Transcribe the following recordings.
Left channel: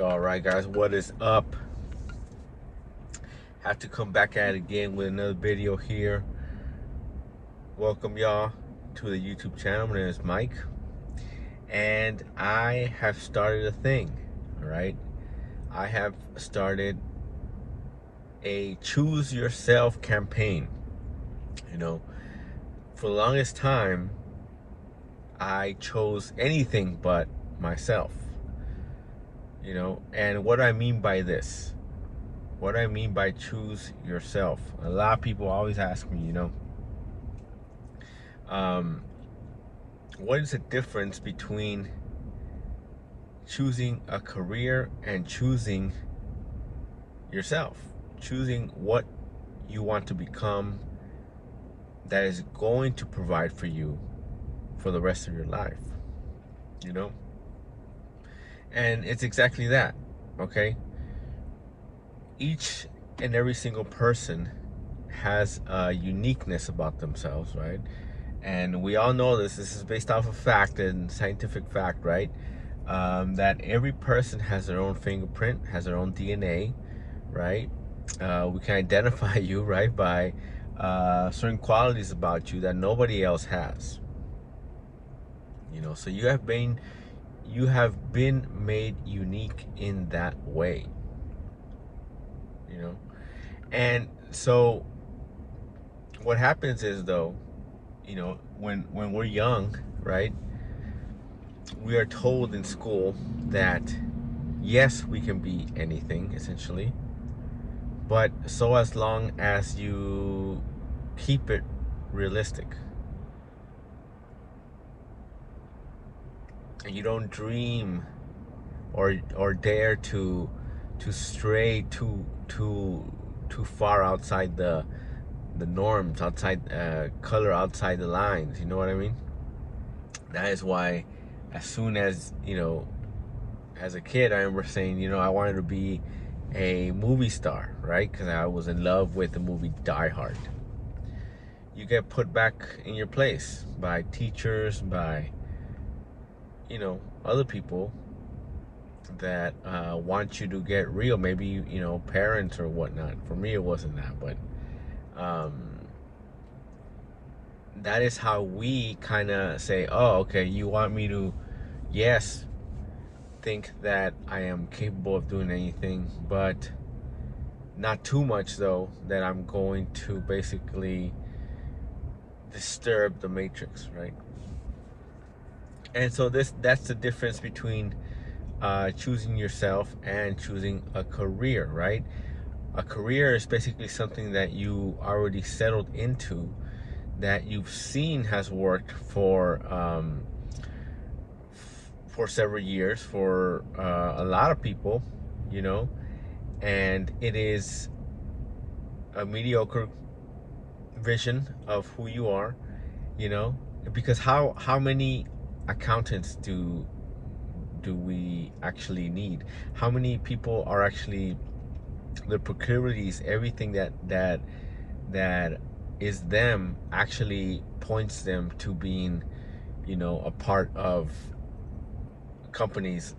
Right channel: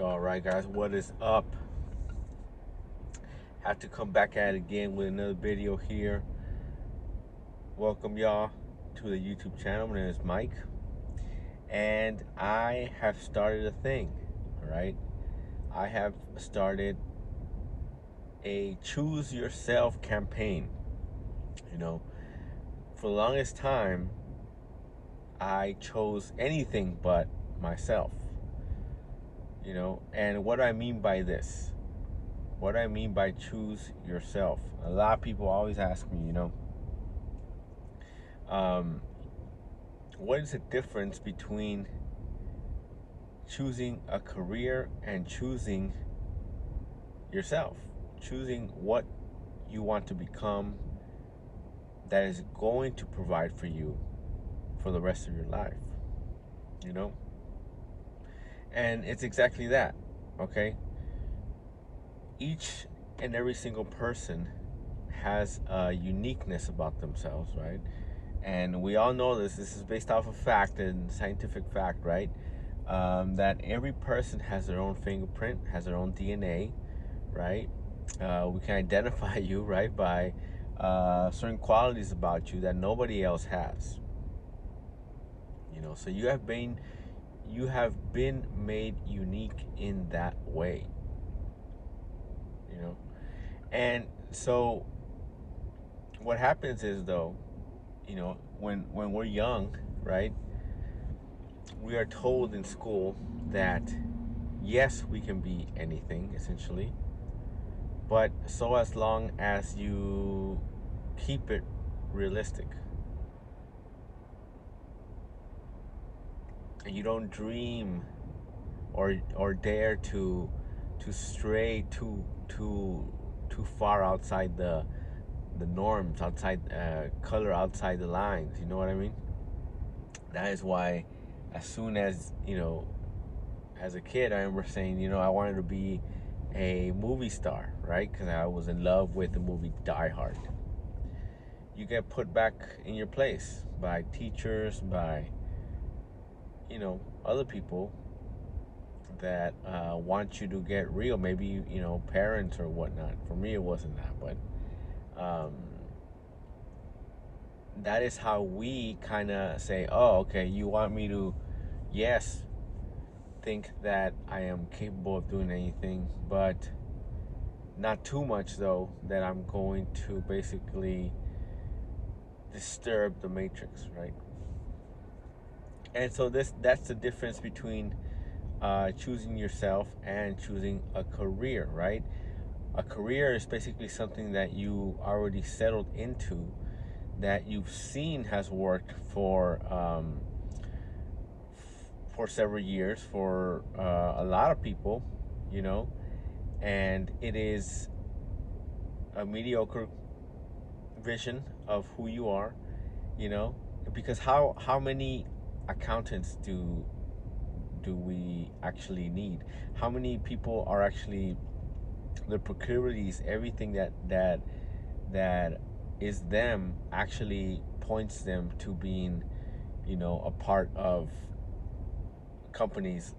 All right, guys, what is up? Have to come back at it again with another video here. Welcome, y'all, to the YouTube channel. My name is Mike, and I have started a thing. All right, I have started a choose yourself campaign. You know, for the longest time, I chose anything but myself. And what I mean by this, what I mean by choose yourself, a lot of people always ask me, um, what is the difference between choosing a career and choosing yourself? Choosing what you want to become that is going to provide for you for the rest of your life, you know? And it's exactly that, okay? Each and every single person has a uniqueness about themselves, right? And we all know this is based off of fact and scientific fact, right? That every person has their own fingerprint, has their own DNA, right? We can identify you, right, by certain qualities about you that nobody else has. So you have been made unique in that way. You know, and so what happens is, though, when we're young, right, we are told in school that yes, we can be anything essentially, but so as long as you keep it realistic and you don't dream or dare to stray too far outside the norms, outside color outside the lines, you know what I mean? That is why, as soon as as a kid, I remember saying, I wanted to be a movie star, right? Because I was in love with the movie Die Hard. You get put back in your place by teachers, by other people that want you to get real. Maybe parents or whatnot. For me, it wasn't that, but um, that is how we kind of say, oh, okay, you want me to, yes, think that I am capable of doing anything, but not too much though that I'm going to basically disturb the matrix, right? And so that's the difference between choosing yourself and choosing a career, right? A career is basically something that you already settled into, that you've seen has worked for several years for a lot of people, you know, and it is a mediocre vision of who you are, you know, because how many accountants do we actually need? How many people are actually the proclivities, everything that is them actually points them to being, a part of companies,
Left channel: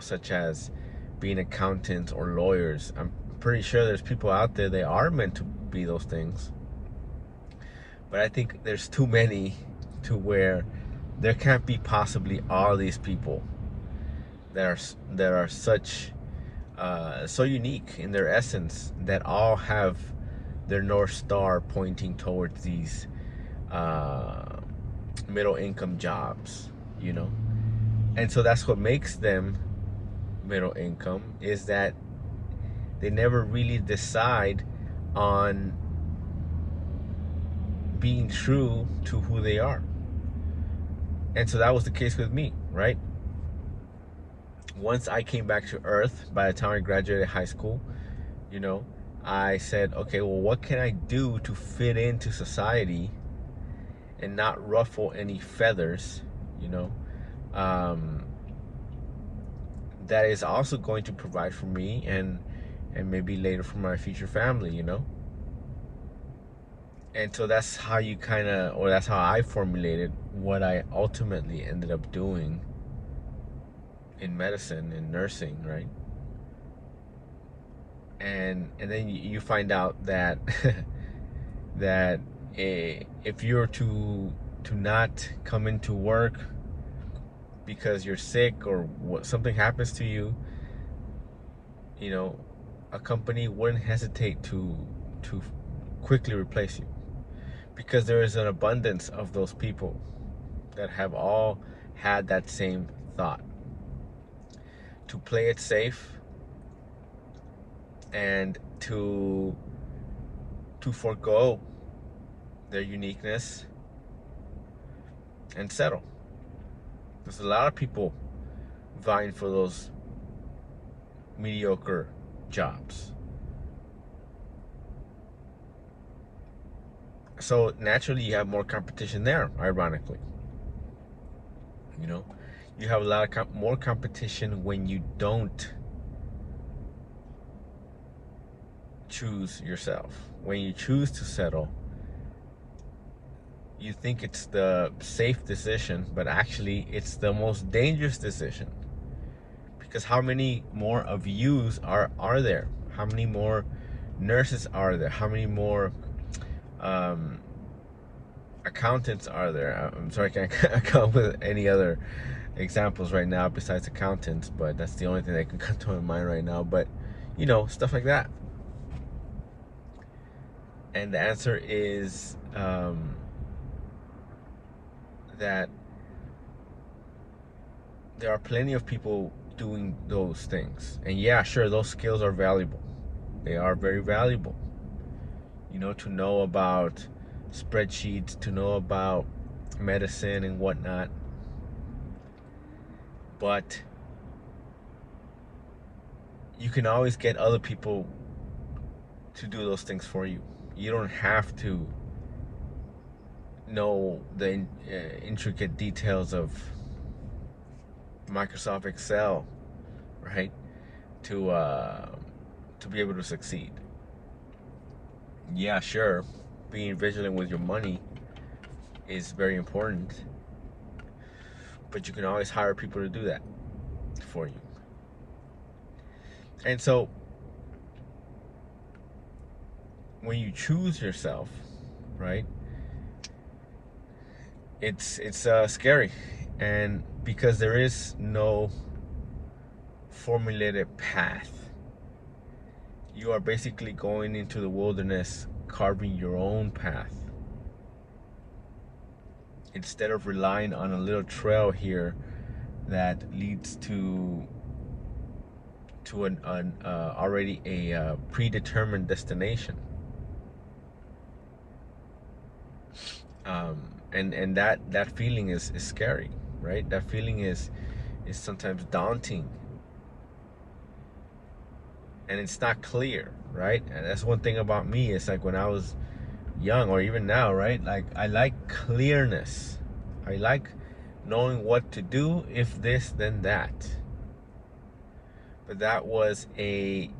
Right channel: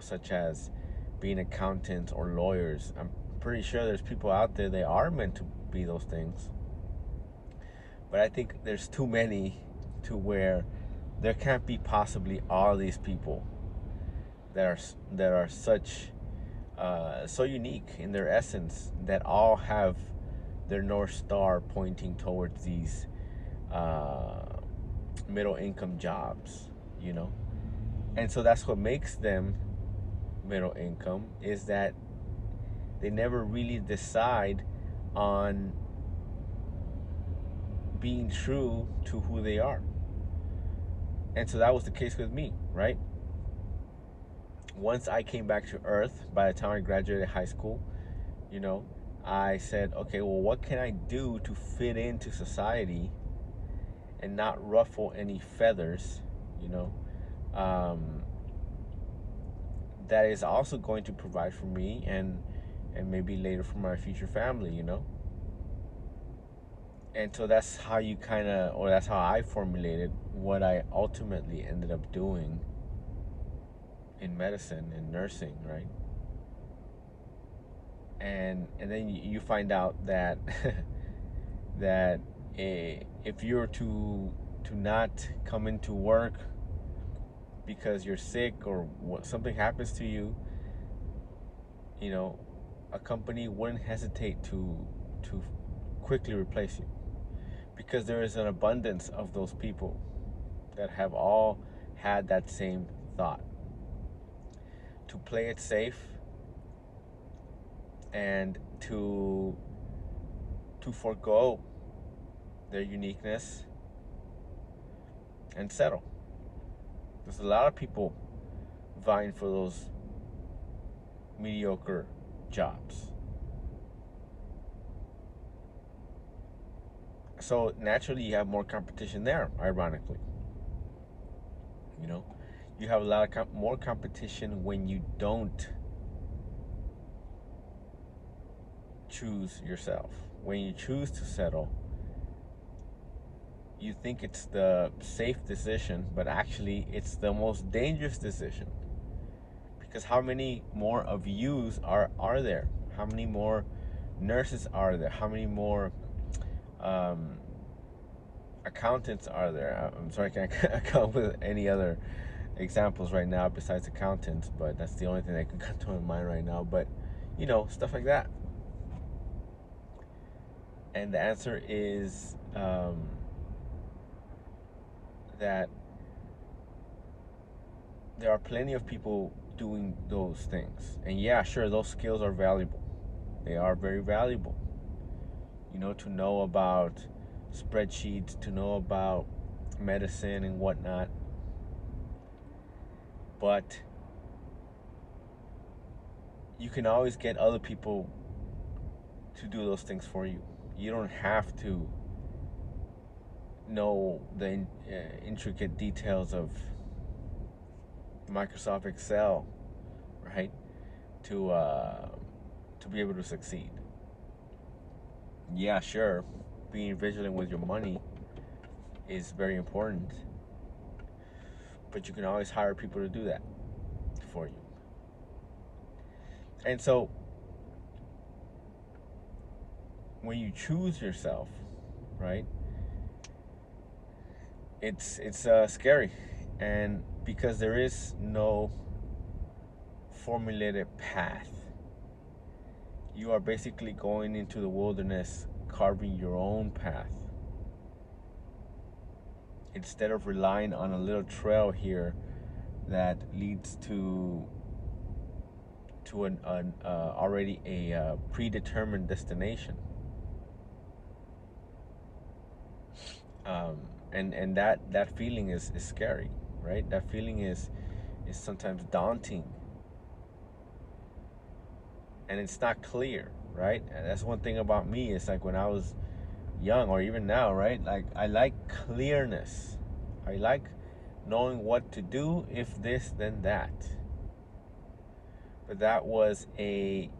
such as being accountants or lawyers. I'm pretty sure there's people out there that are meant to be those things, but I think there's too many to where there can't be possibly all these people that are such so unique in their essence, that all have their North Star pointing towards these uh, middle income jobs, you know? And so that's what makes them middle income, is that they never really decide on being true to who they are. And so that was the case with me, right? Once I came back to Earth, by the time I graduated high school, you know, I said, okay, well, what can I do to fit into society and not ruffle any feathers, you know, um, that is also going to provide for me and maybe later for my future family, you know? And so that's how you kind of, or that's how I formulated what I ultimately ended up doing in medicine and nursing, right? and then you find out that that if you're to not come into work because you're sick or something happens to you, you know, a company wouldn't hesitate to quickly replace you, because there is an abundance of those people that have all had that same thought, to play it safe and to forego their uniqueness and settle. There's a lot of people vying for those mediocre jobs. So naturally you have more competition there, ironically. You know, you have a lot of more competition when you don't choose yourself. When you choose to settle, you think it's the safe decision, but actually it's the most dangerous decision. Because how many more of yous are there? How many more nurses are there? How many more um, accountants are there? I'm sorry, I can't come up with any other examples right now besides accountants, but that's the only thing that can come to my mind right now. But you know, stuff like that. And the answer is that there are plenty of people doing those things. And yeah, sure, those skills are valuable. They are very valuable. You know, to know about spreadsheets, to know about medicine and whatnot. But you can always get other people to do those things for you. You don't have to know the intricate details of Microsoft Excel, right? To be able to succeed. Yeah, sure, being vigilant with your money is very important, but you can always hire people to do that for you. And so when you choose yourself, right, it's scary, and because there is no formulated path, you are basically going into the wilderness carving your own path instead of relying on a little trail here that leads to an already a predetermined destination. And that feeling is scary, right? That feeling is sometimes daunting, and it's not clear, right? And that's one thing about me. It's like when I was young, or even now, right? Like, I like clearness. I like knowing what to do, if this then that. But that was a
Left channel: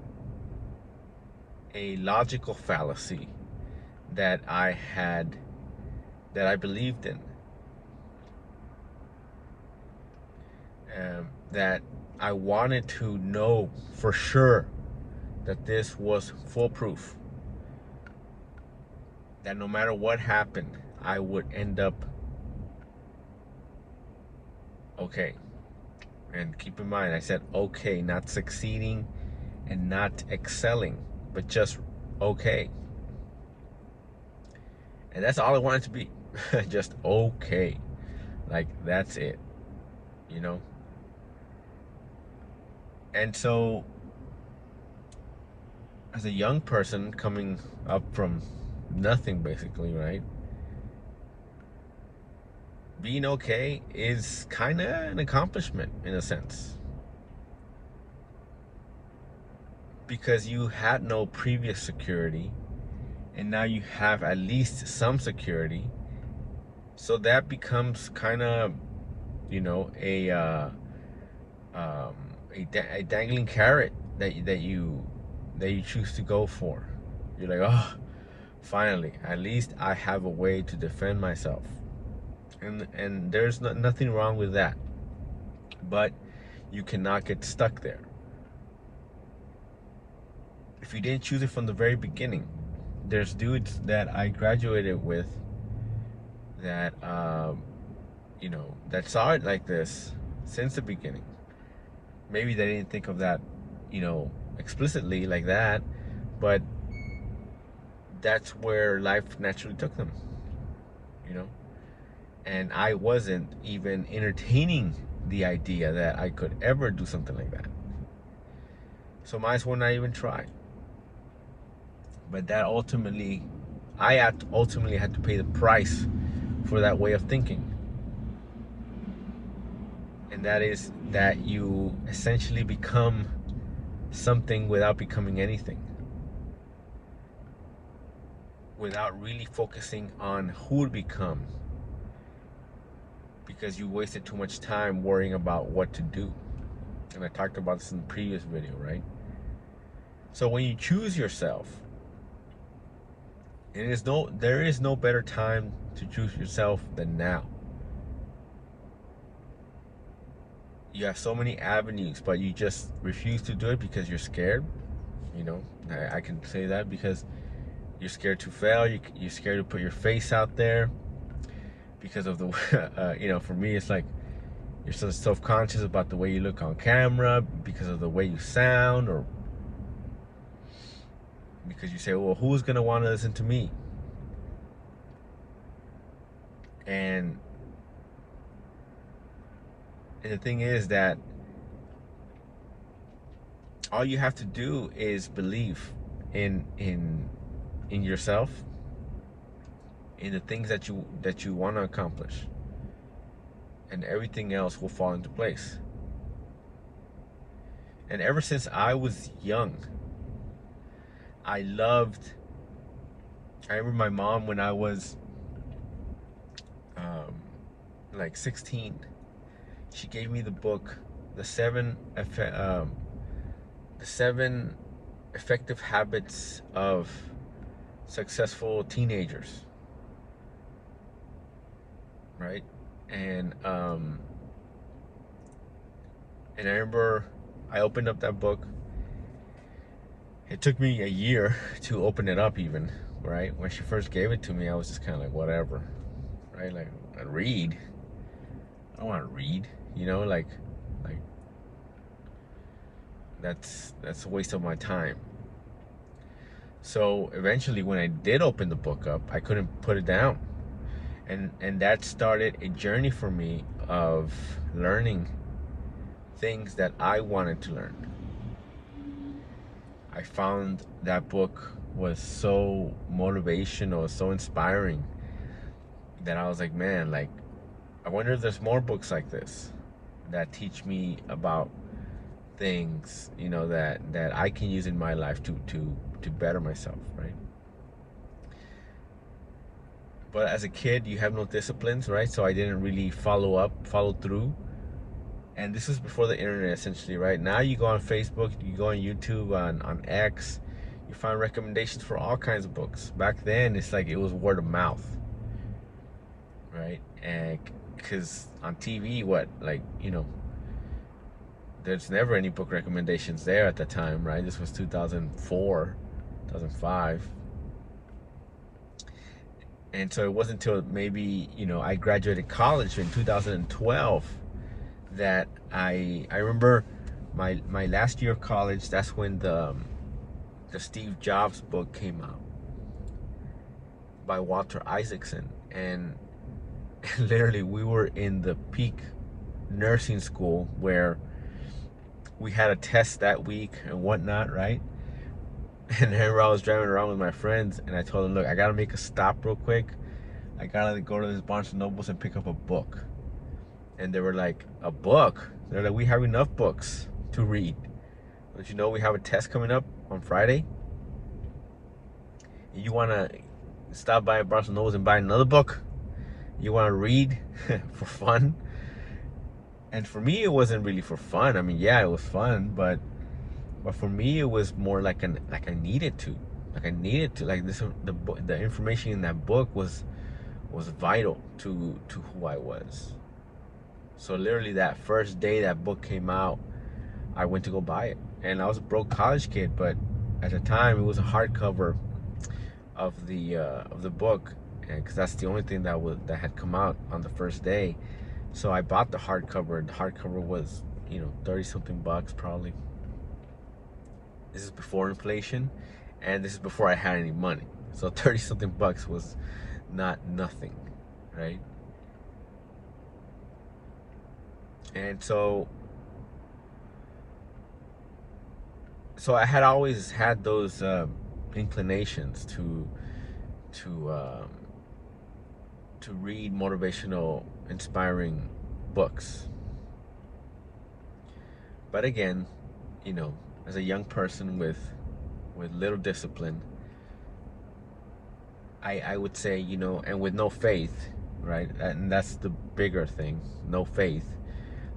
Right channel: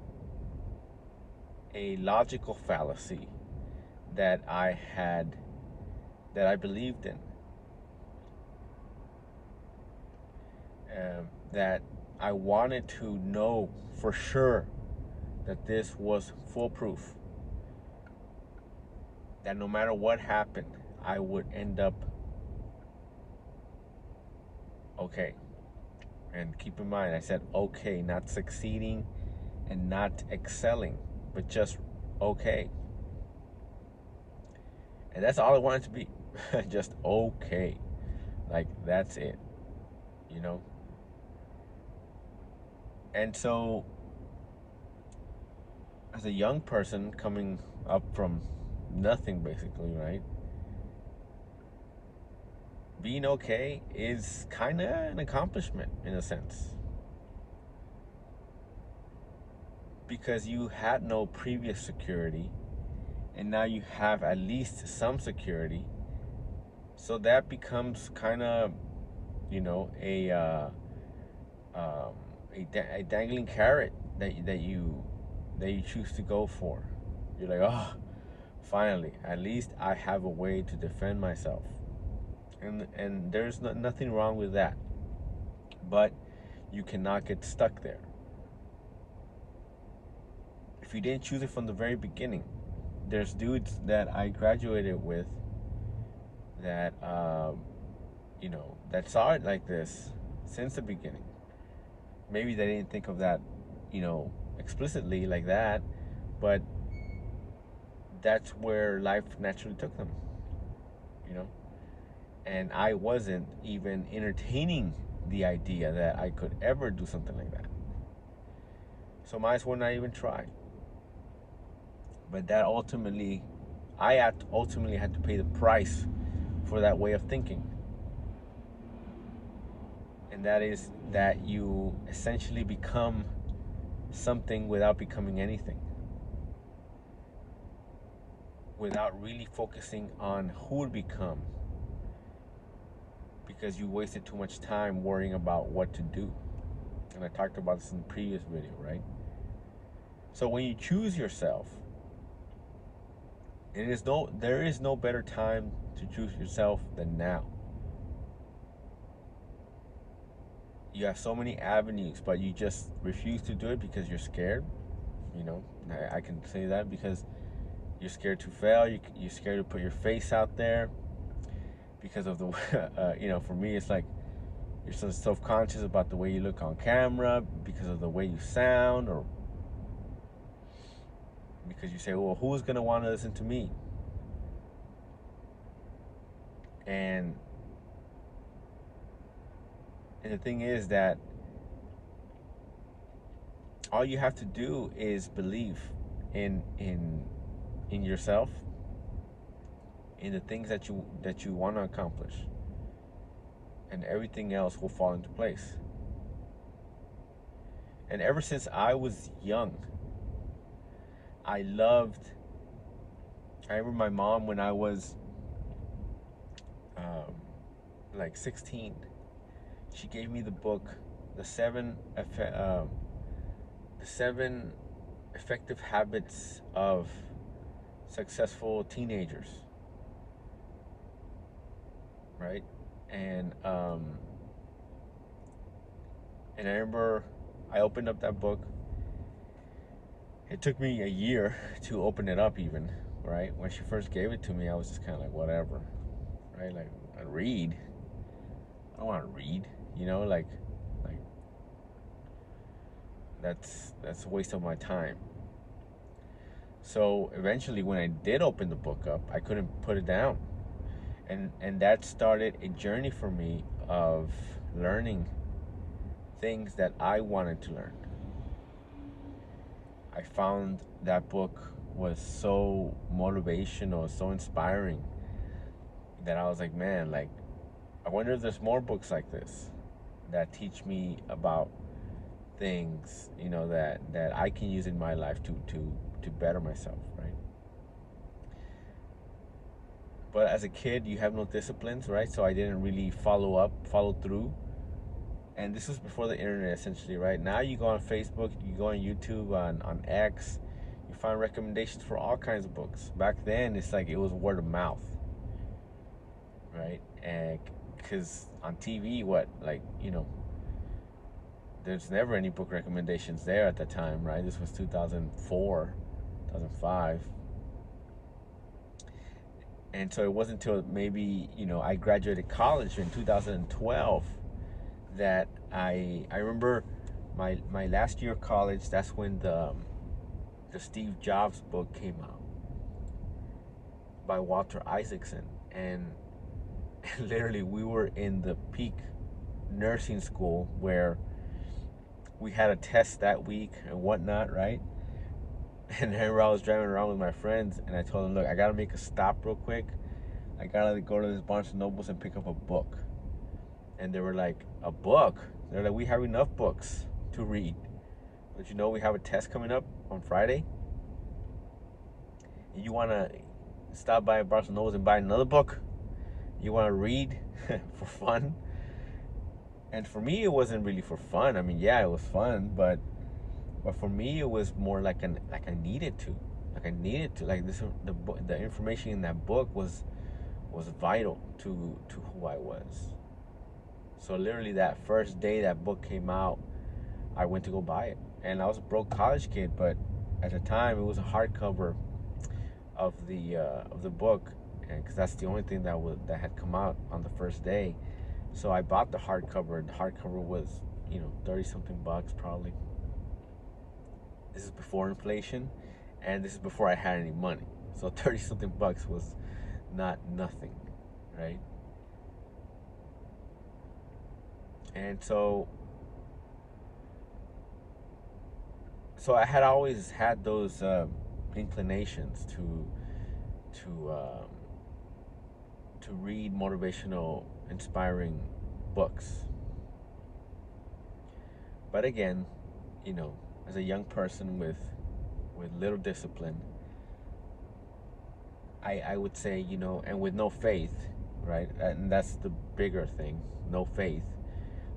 logical fallacy that I believed in, that I wanted to know for sure that this was foolproof, that no matter what happened, I would end up okay. And keep in mind, I said okay, not succeeding and not excelling, but just okay. And that's all I wanted to be. Just okay. Like, that's it, you know? And so, as a young person coming up from nothing, basically, right? Being okay is kind of an accomplishment in a sense, because you had no previous security and now you have at least some security. So that becomes kind of, you know, um, a dangling carrot that you choose to go for. You're like, oh, finally, at least I have a way to defend myself, and there's nothing wrong with that. But you cannot get stuck there. if you didn't choose it from the very beginning. There's dudes that I graduated with that that saw it like this since the beginning. Maybe they didn't think of that, explicitly like that, but that's where life naturally took them, you know. And I wasn't even entertaining the idea that I could ever do something like that. So might as well not even try. But that ultimately, ultimately had to pay the price for that way of thinking. And that is that you essentially become something without becoming anything. Without really focusing on who to become. Because you wasted too much time worrying about what to do. And I talked about this in the previous video, right? So when you choose yourself, there is no better time to choose yourself than now. You have so many avenues, but you just refuse to do it because you're scared. I can say that because you're scared to fail. You're scared to put your face out there because of the, for me, it's like you're so self-conscious about the way you look on camera because of the way you sound, or because you say, well, who's going to want to listen to me? And the thing is that all you have to do is believe in yourself, in the things that you want to accomplish, and everything else will fall into place. And ever since I was young, I remember my mom when I was like 16. She gave me the book, the seven effective habits of successful teenagers, right? And I remember I opened up that book. It took me a year to open it up, even, right? When she first gave it to me, I was just kind of like, whatever, right? Like, I read. I don't want to read, like that's a waste of my time. So eventually, when I did open the book up, I couldn't put it down, and that started a journey for me of learning things that I wanted to learn. I found that book was so motivational, so inspiring, that I was like, man, like, I wonder if there's more books like this that teach me about things, that I can use in my life to better myself, right? But as a kid, you have no disciplines, right? So I didn't really follow through. And this was before the internet, essentially, right? Now you go on Facebook, you go on YouTube, on X, you find recommendations for all kinds of books. Back then, it's like it was word of mouth, right? And because on TV, there's never any book recommendations there at the time, right? This was 2004, 2005. And so it wasn't until maybe, I graduated college in 2012 that I remember my last year of college. That's when the Steve Jobs book came out by Walter Isaacson. And literally, we were in the peak nursing school where we had a test that week and whatnot, right? And then I was driving around with my friends, and I told them, look, I gotta make a stop real quick. I gotta go to this Barnes and Nobles and pick up a book. And they were like, a book? They're like, we have enough books to read. Don't you know we have a test coming up on Friday? You wanna stop by Barnes and Nobles and buy another book? You wanna read for fun? And for me, it wasn't really for fun. I mean, yeah, it was fun, but for me, it was more like I needed to. Like this, the information in that book was vital to who I was. So literally, that first day that book came out, I went to go buy it. And I was a broke college kid, but at the time, it was a hardcover of the book, because that's the only thing that had come out on the first day. So I bought the hardcover. The hardcover was, 30 something bucks probably. This is before inflation, and this is before I had any money. So 30 something bucks was not nothing, right? And so I had always had those inclinations to um, to read motivational, inspiring books. But again, you know, as a young person with little discipline, I would say, and with no faith, right? And that's the bigger thing, no faith.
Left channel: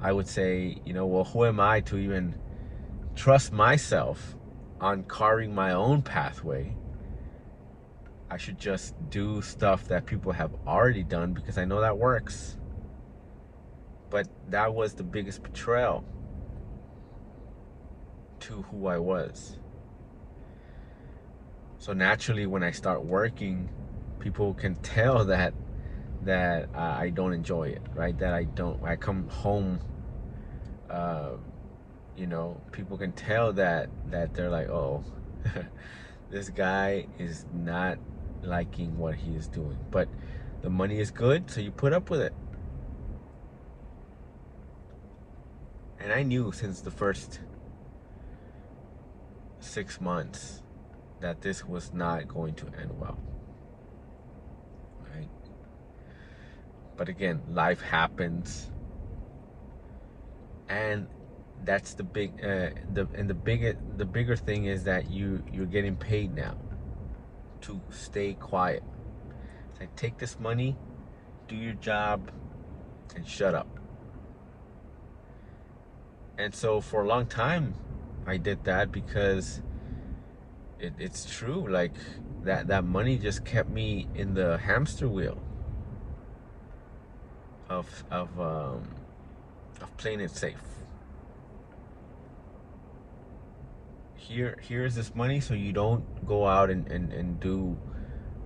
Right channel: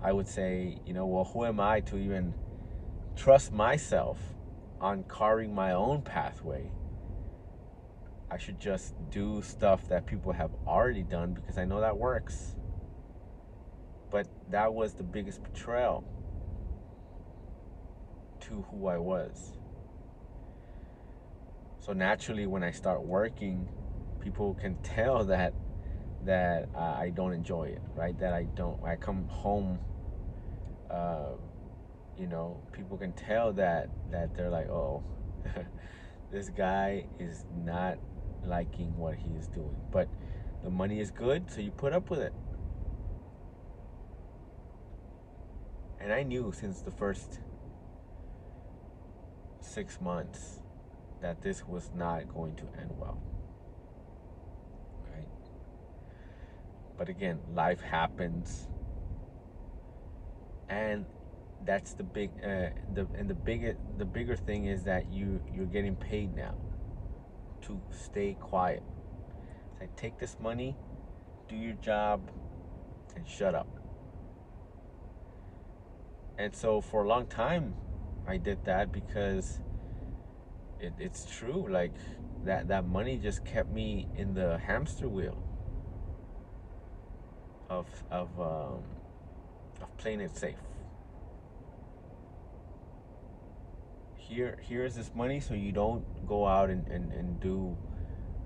I would say, well, who am I to even trust myself on carving my own pathway? I should just do stuff that people have already done because I know that works. But that was the biggest betrayal to who I was. So naturally, when I start working, people can tell that I don't enjoy it, right? That I don't. I come home, uh, people can tell that they're like, oh, this guy is not liking what he is doing. But the money is good, so you put up with it. And I knew since the first 6 months that this was not going to end well, right? But again, life happens, and that's the bigger thing is that you're getting paid now to stay quiet. It's like, take this money, do your job, and shut up. And so for a long time, I did that because it's true. Like that money just kept me in the hamster wheel of playing it safe. Here's this money, so you don't go out and do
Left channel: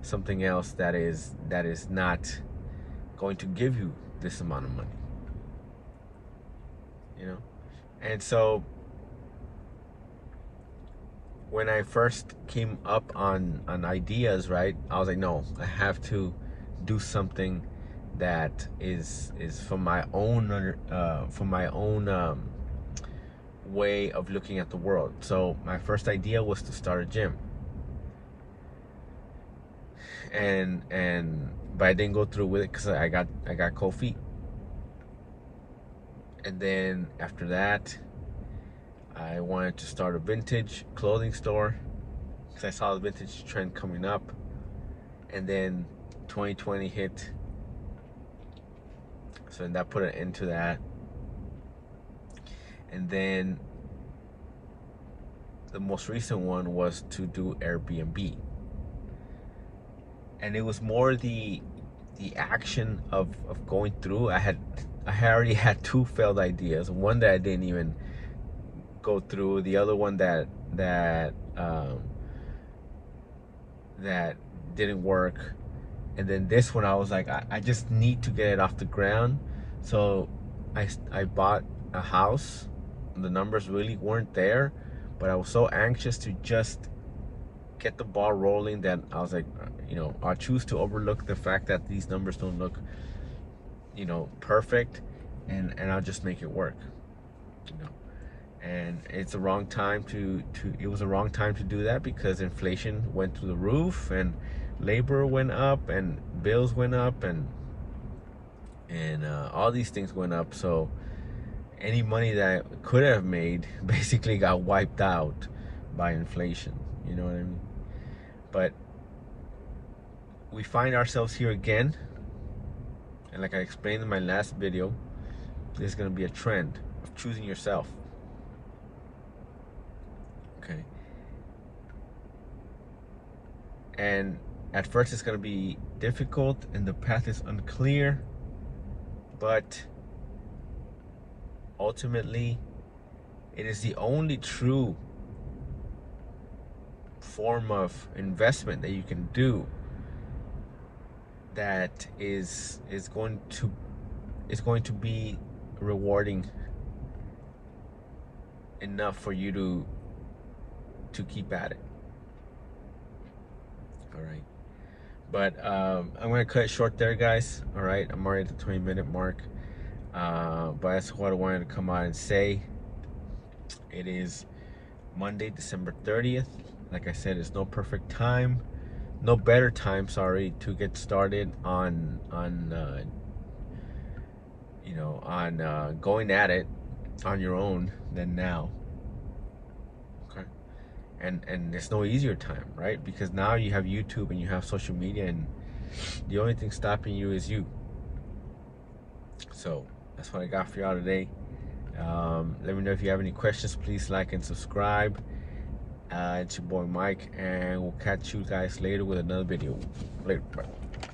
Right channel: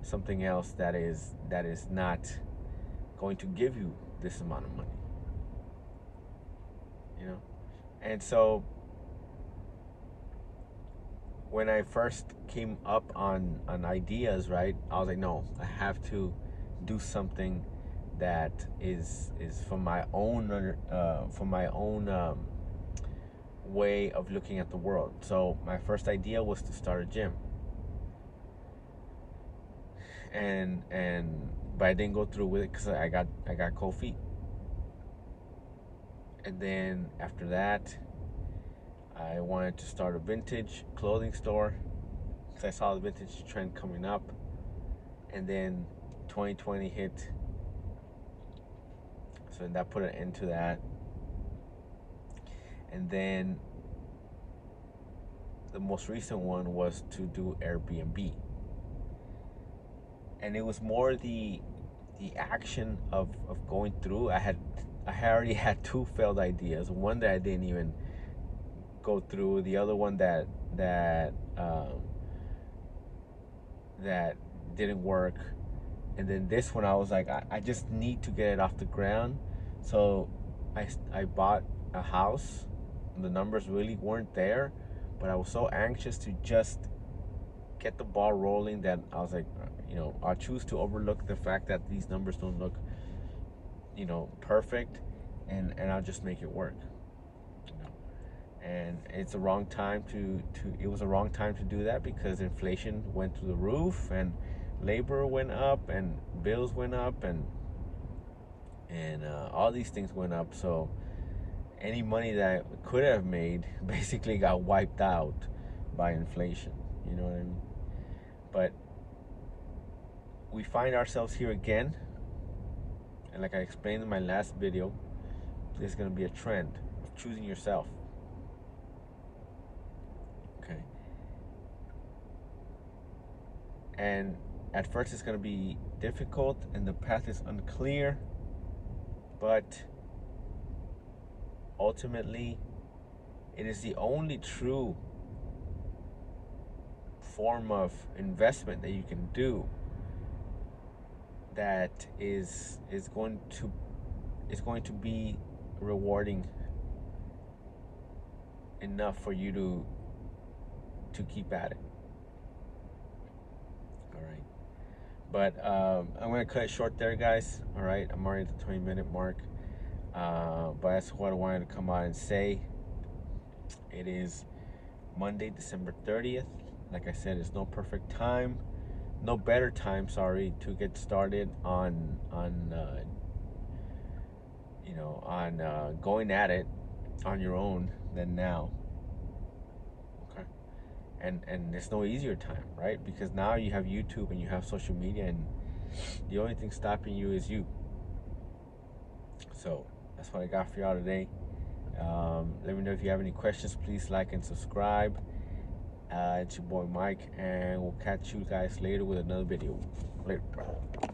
something else that is not going to give you this amount of money. And so when I first came up on ideas, right, I was like, no, I have to do something that is from my own way of looking at the world. So my first idea was to start a gym, and but I didn't go through with it because I got cold feet. And then after that, I wanted to start a vintage clothing store because I saw the vintage trend coming up. And then 2020 hit, so that put an end to that. And then the most recent one was to do Airbnb, and it was more the action of going through. I already had two failed ideas. One that I didn't even go through. The other one that didn't work. And then this one, I was like, I just need to get it off the ground. So I bought a house. The numbers really weren't there, but I was so anxious to just get the ball rolling that I was like, I'll choose to overlook the fact that these numbers don't look, perfect, and I'll just make it work. And it's the wrong time it was the wrong time to do that because inflation went through the roof, and labor went up, and bills went up, and all these things went up. So any money that I could have made basically got wiped out by inflation. You know what I mean? But we find ourselves here again, and like I explained in my last video, there's going to be a trend of choosing yourself. Okay. And at first it's going to be difficult and the path is unclear, but ultimately it is the only true form of investment that you can do that is going to be rewarding enough for you to keep at it. All right, but I'm gonna cut it short there, guys. All right, I'm already at the 20-minute mark, but that's what I wanted to come out and say. It is Monday, December 30th. Like I said, it's no perfect time, no better time, sorry, to get started on going at it on your own than now. Okay, and there's no easier time, right? Because now you have YouTube and you have social media, and the only thing stopping you is you. So that's what I got for y'all today. Let me know if you have any questions. Please like and subscribe. It's your boy Mike, and we'll catch you guys later with another video. Later. Bye.